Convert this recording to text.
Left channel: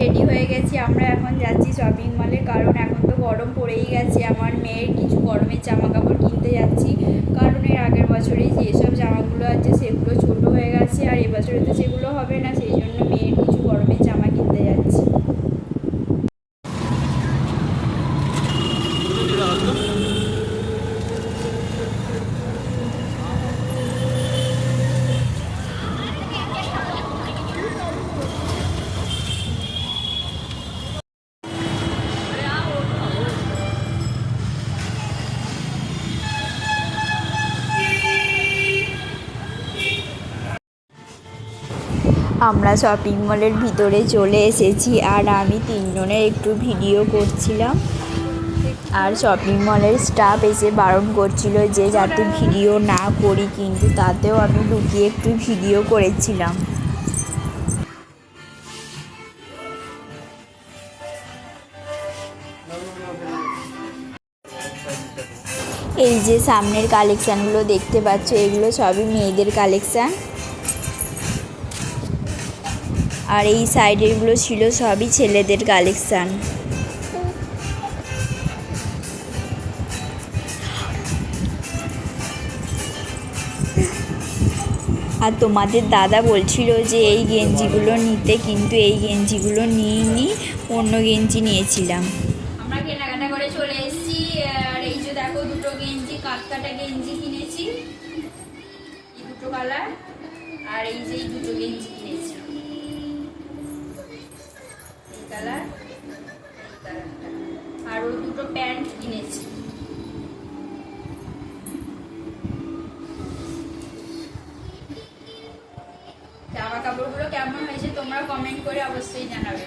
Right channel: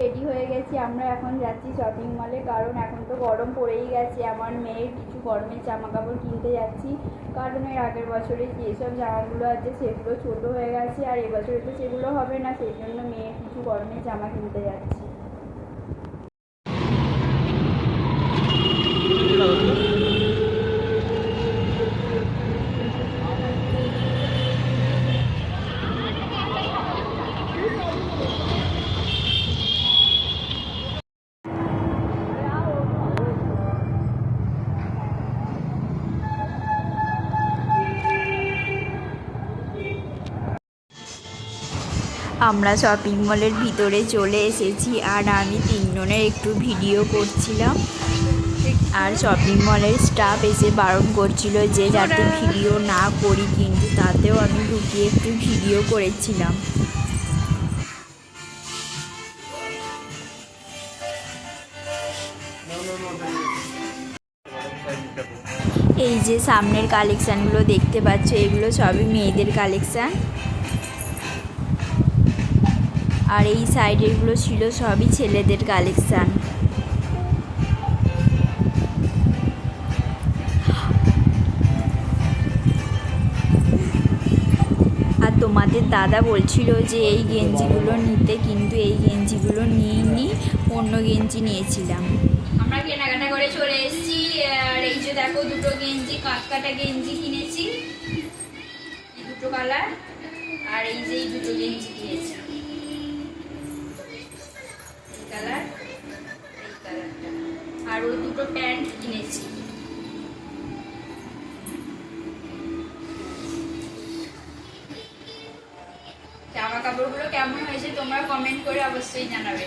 Ready হয়ে গেছি, আমরা এখন যাচ্ছি শপিং মলে, কারণ এখন তো গরম পড়েই গেছে। আমার মেয়ের কিছু গরমের জামা কাপড় কিনতে যাচ্ছি, কারণ এর আগের বছরে যেসব জামাগুলো আছে সেগুলো ছোটো হয়ে গেছে, আর এবছরে তো সেগুলো হবে না, সেই জন্য মেয়ের কিছু গরমের জামা কিনতে যাচ্ছি। আমরা শপিং মলের ভিতরে চলে এসেছি, আর আমি তিনজনের একটু ভিডিও করছিলাম। আর শপিং মলের স্টাফ এসে বারণ করছিল যে যাতে ভিডিও না করি, কিন্তু তাতেও আমি লুকিয়ে একটু ভিডিও করেছিলাম। এই যে সামনের কালেকশানগুলো দেখতে পাচ্ছ, এগুলো সবই মেয়েদের কালেকশান, আর এই সাইডেরগুলো ছিল সবই ছেলেদের কালেকশান। আর তোমাদের দাদা বলছিল যে এই গেঞ্জিগুলো নিতে, কিন্তু এই গেঞ্জিগুলো নিইনি, অন্য গেঞ্জি নিয়েছিলাম। আমরা কেনাকাটা করে চলে এসেছি, আর এই যে দেখো দুটো গেঞ্জি, কাটকাটা গেঞ্জি কিনেছি, এই দুটো কালার, আর এই যে এই দুটো গেঞ্জি কিনেছি, এই কালার, এই কালারটা, আর ওই দুটো প্যান্ট কিনেছি। জামা কাপড়গুলো কেমন হয়েছে তোমরা কমেন্ট করে অবশ্যই জানাবে।